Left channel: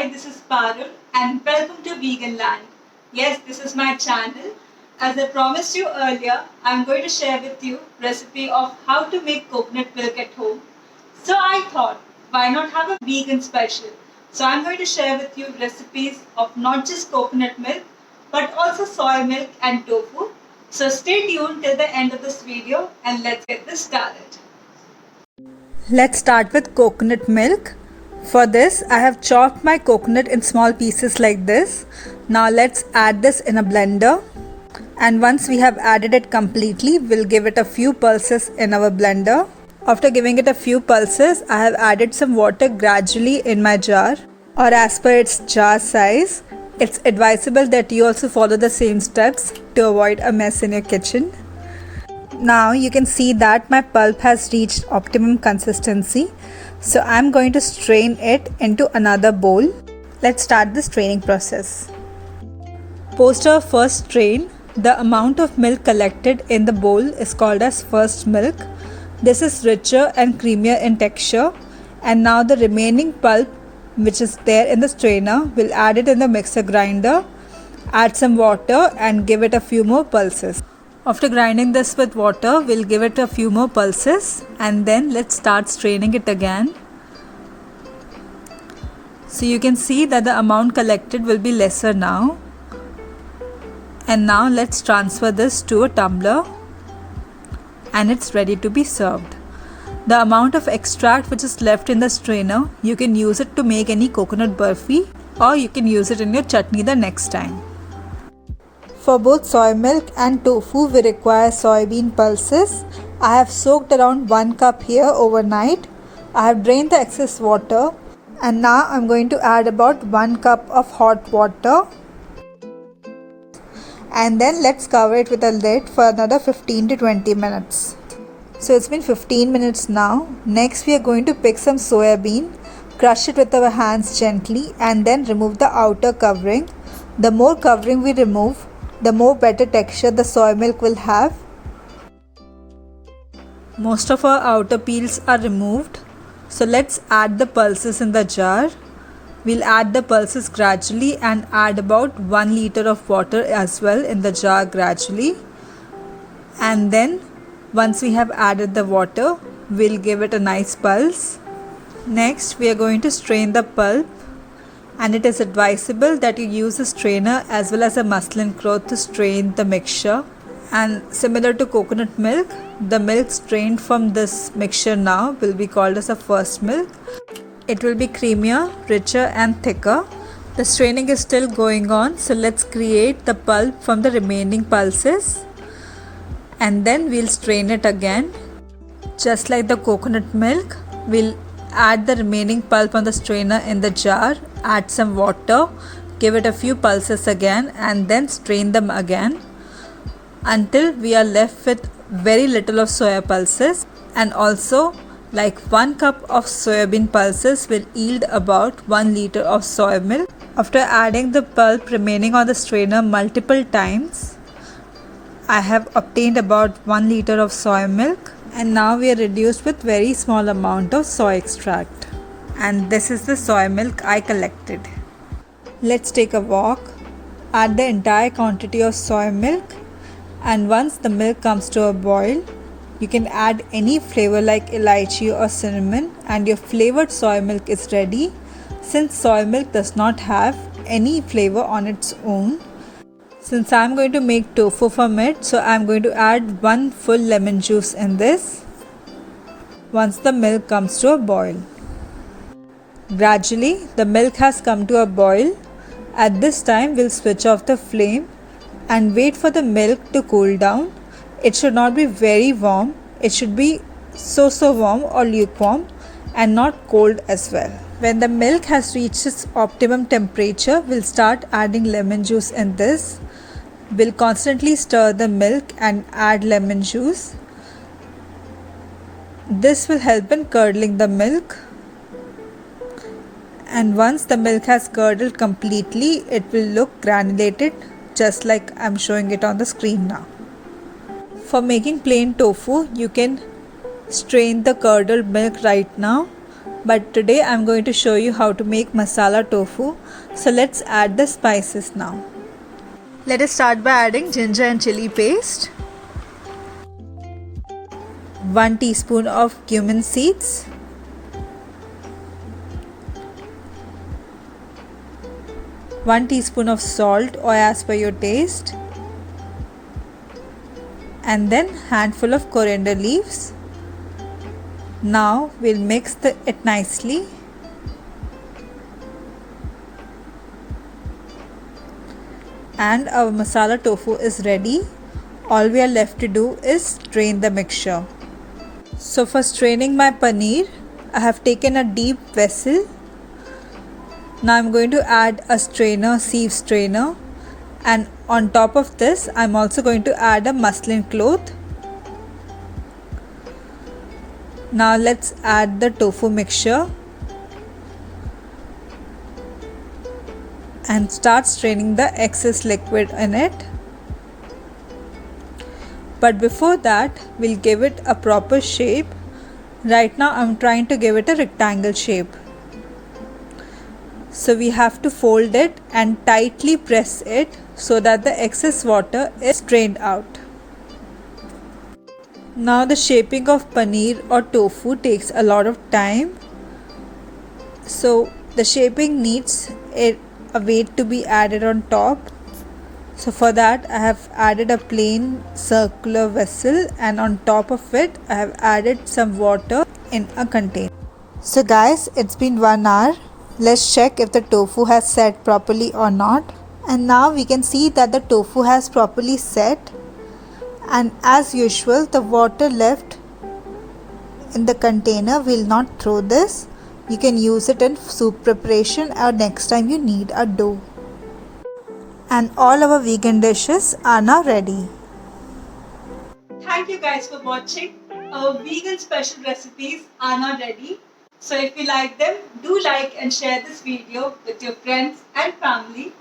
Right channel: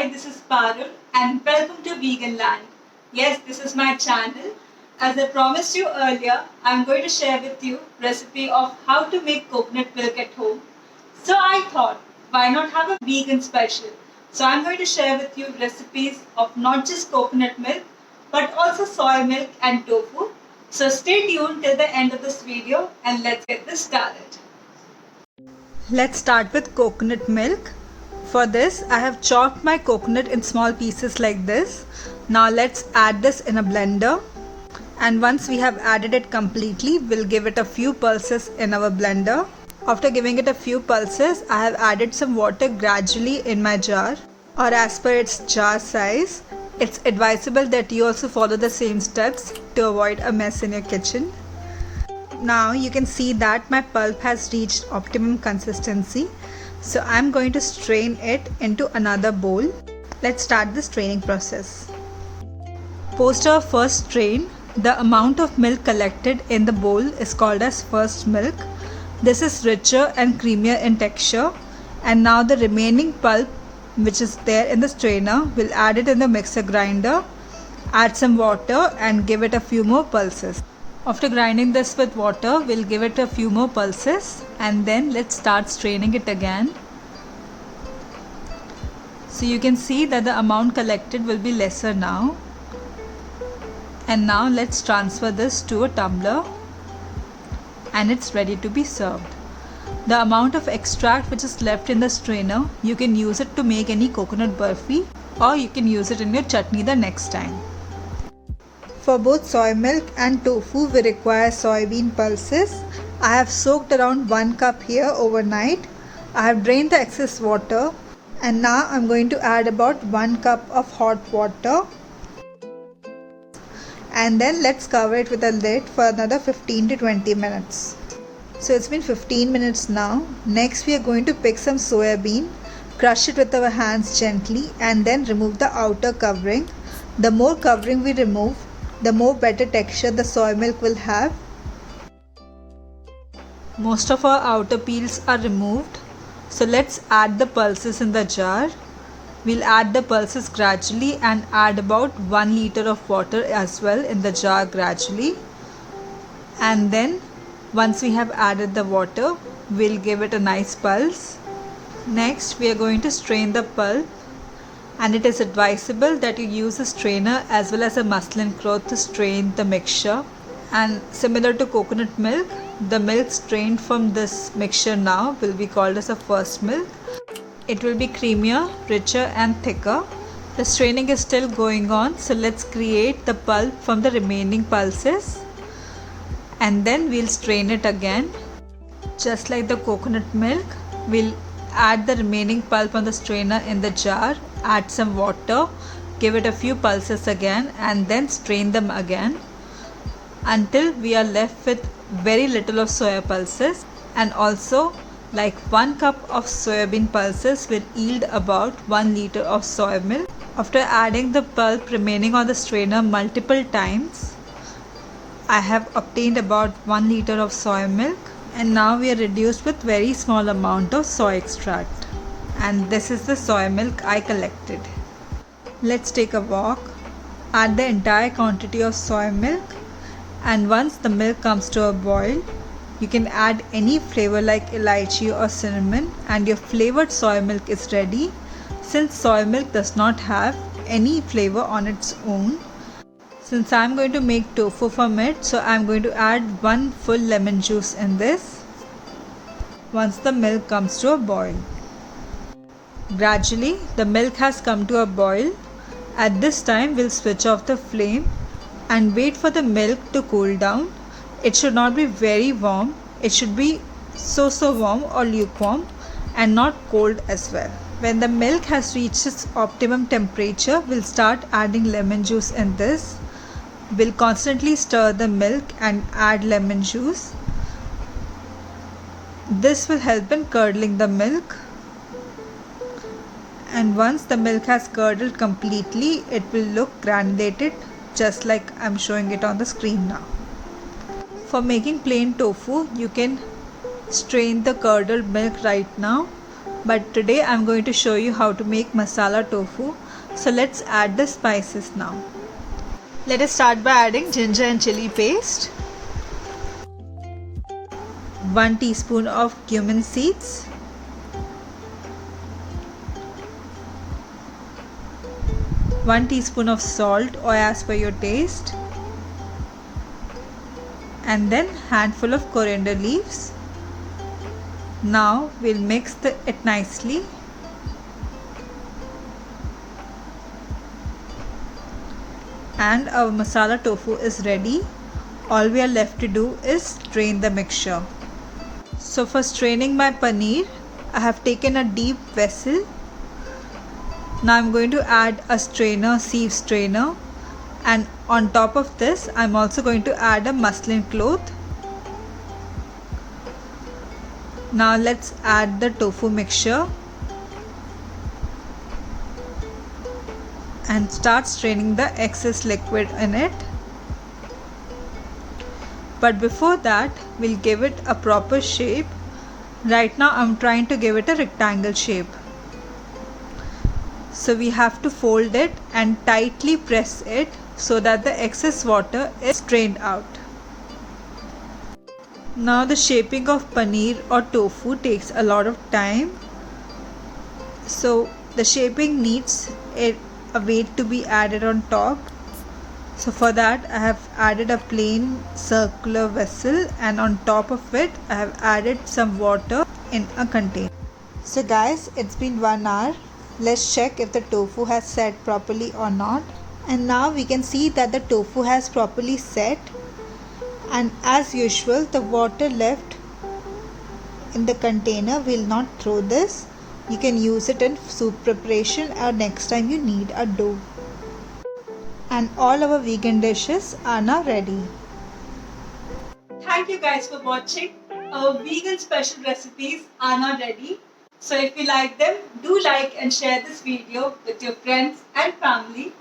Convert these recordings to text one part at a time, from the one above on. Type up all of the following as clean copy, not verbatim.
Hi, this is Parul and welcome to Vegan Land. Yes, this is my channel. As I promised you earlier, I'm going to share with you recipe of how to make coconut milk at home. So I thought, why not have a vegan special? So I'm going to share with you recipes of not just coconut milk, but also soy milk and tofu. So stay tuned till the end of this video and let's get this started. Let's start with coconut milk. For this, I have chopped my coconut in small pieces like this. Now let's add this in a blender. And once we have added it completely, we'll give it a few pulses in our blender. After giving it a few pulses, I have added some water gradually in my jar or as per its jar size. It's advisable that you also follow the same steps to avoid a mess in your kitchen. Now you can see that my pulp has reached optimum consistency. So I'm going to strain it into another bowl. Let's start the straining process. Post our first strain, the amount of milk collected in the bowl is called as first milk. This is richer and creamier in texture. And now the remaining pulp which is there in the strainer, we'll add it in the mixer grinder, add some water and give it a few more pulses. After grinding this with water, we'll give it a few more pulses and then let's start straining it again. So you can see that the amount collected will be lesser now. And now let's transfer this to a tumbler and it's ready to be served. The amount of extract which is left in the strainer, you can use it to make any coconut burfi or you can use it in your chutney the next time. For both soy milk and tofu, we require soybean pulses. I have soaked around 1 cup here overnight. I have drained the excess water and now I'm going to add about 1 cup of hot water. And then let's cover it with a lid for another 15 to 20 minutes. So it's been 15 minutes now. Next we are going to pick some soya bean, crush it with our hands gently and then remove the outer covering. The more covering we remove, the more better texture the soy milk will have. Most of our outer peels are removed. So let's add the pulses in the jar. We'll add the pulses gradually and add about 1 liter of water as well in the jar gradually. And then once we have added the water, we'll give it a nice pulse. Next, we are going to strain the pulp. And it is advisable that you use a strainer as well as a muslin cloth to strain the mixture. And similar to coconut milk, the milk strained from this mixture now will be called as a first milk. It will be creamier, richer and thicker. The straining is still going on, so let's create the pulp from the remaining pulses. And then we'll strain it again. Just like the coconut milk, we'll add the remaining pulp on the strainer in the jar, add some water, give it a few pulses again and then strain them again until we are left with very little of soya pulses. And also like 1 cup of soybean pulses will yield about 1 liter of soy milk. After adding the pulp remaining on the strainer multiple times, I have obtained about 1 liter of soy milk. And now we are reduced with very small amount of soy extract. And this is the soy milk I collected. Let's take a walk. Add the entire quantity of soy milk. And once the milk comes to a boil, you can add any flavor like elaichi or cinnamon and your flavored soy milk is ready. Since soy milk does not have any flavor on its own. Since I am going to make tofu from it, so I am going to add 1 full lemon juice in this once the milk comes to a boil. Gradually, the milk has come to a boil. At this time, we'll switch off the flame and wait for the milk to cool down. It should not be very warm. It should be so warm or lukewarm and not cold as well. When the milk has reached its optimum temperature, we'll start adding lemon juice in this. We'll constantly stir the milk and add lemon juice. This will help in curdling the milk. And once the milk has curdled completely, it will look granulated just like I'm showing it on the screen now. For making plain tofu, you can strain the curdled milk right now But today I'm going to show you how to make masala tofu. So let's add the spices now. Let us start by adding ginger and chili paste, 1 teaspoon of cumin seeds, 1 teaspoon of salt or as per your taste, and then handful of coriander leaves. Now we'll mix it nicely. And our masala tofu is ready. All we are left to do is strain the mixture. So for straining my paneer, I have taken a deep vessel. Now I'm going to add a strainer, sieve strainer, and on top of this I'm also going to add a muslin cloth. Now let's add the tofu mixture and start straining the excess liquid in it. But before that, we'll give it a proper shape. Right now I'm trying to give it a rectangle shape. So we have to fold it and tightly press it so that the excess water is strained out. Now the shaping of paneer or tofu takes a lot of time. So the shaping needs a weight to be added on top. So for that I have added a plain circular vessel, and on top of it I have added some water in a container. So guys, it's been 1 hour. Let's check if the tofu has set properly or not. And now we can see that the tofu has properly set, and as usual the water left in the container, will not throw this. You can use it in soup preparation or next time you need a dough. And all our vegan dishes are now ready. Thank you guys for watching. Our vegan special recipes are now ready. So if you like them, do like and share this video with your friends and family.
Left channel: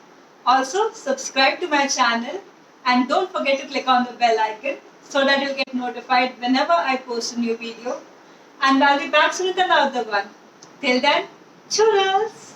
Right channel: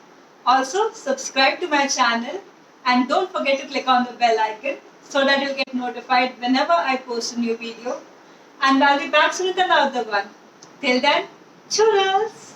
Also subscribe to my channel and don't forget to click on the bell icon so that you'll get notified whenever I post a new video. And I'll be back soon with another one. Till then, churros!